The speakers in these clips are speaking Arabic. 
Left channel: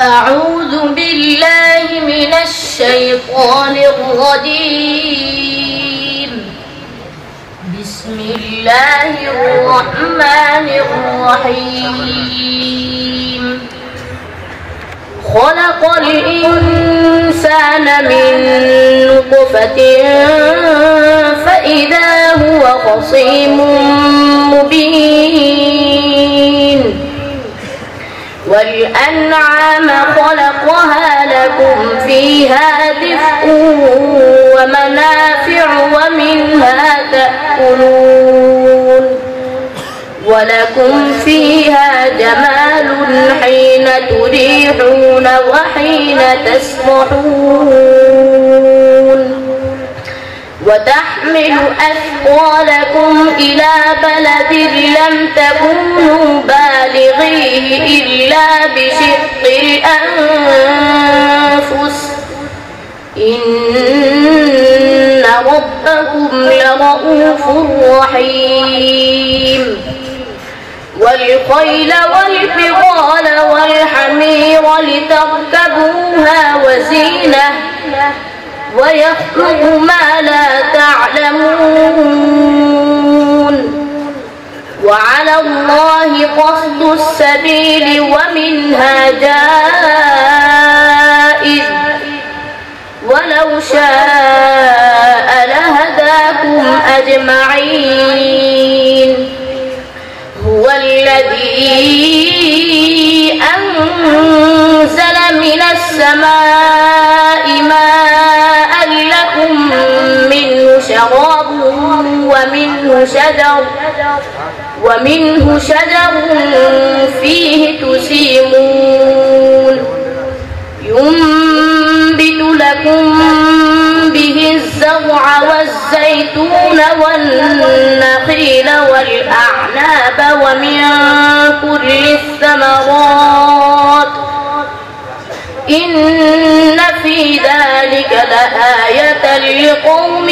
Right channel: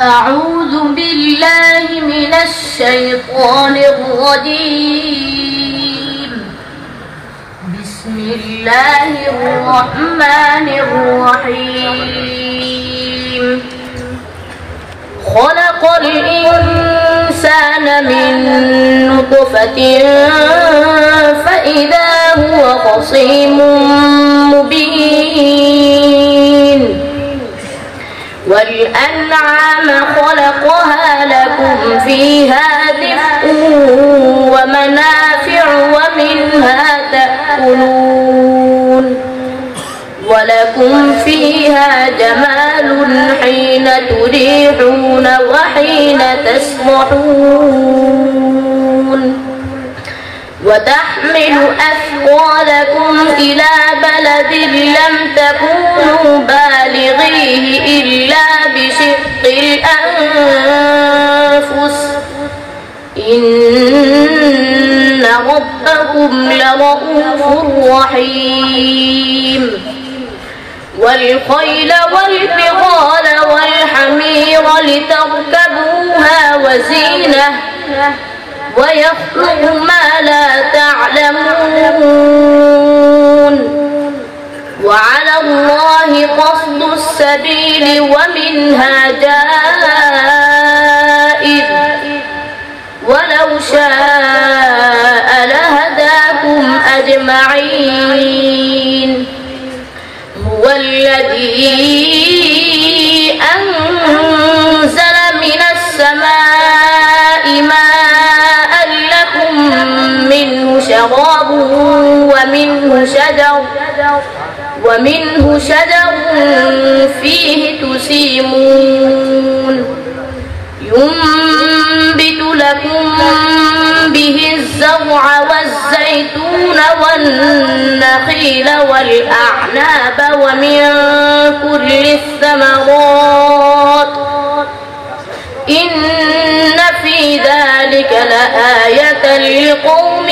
أعوذ بالله من الشيطان الرجيم. بسم الله الرحمن الرحيم. خلق الإنسان من نطفة فإذا هو خصيم مبين. والأنعام خلقها لكم فيها دفء ومنافع ومنها تأكلون. ولكم فيها جمال حين تريحون وحين تسرحون. وتحمل أثقالكم إلى بلد لم تكونوا بالغيه إلا بشق الأنفس إن ربكم لرؤوف رحيم. والخيل والبغال والحمير لتركبوها وزينة ويخلق ما لا تعلمون. وعلى الله قصد السبيل ومنها جائر ولو شاء لهداكم أجمعين. هو الذي أنزل من السماء ماء لكم منه شراب ومنه شجر فيه تسيمون. ينبت لكم به الزرع والزيتون والنخيل والأعناب ومن كل الثمرات إن في ذلك لآية لقوم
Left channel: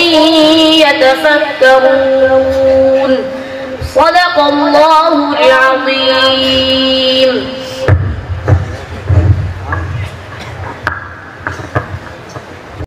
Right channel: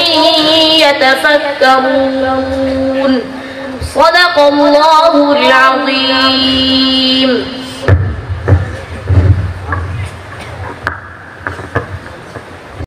يتفكرون. صدق الله العظيم.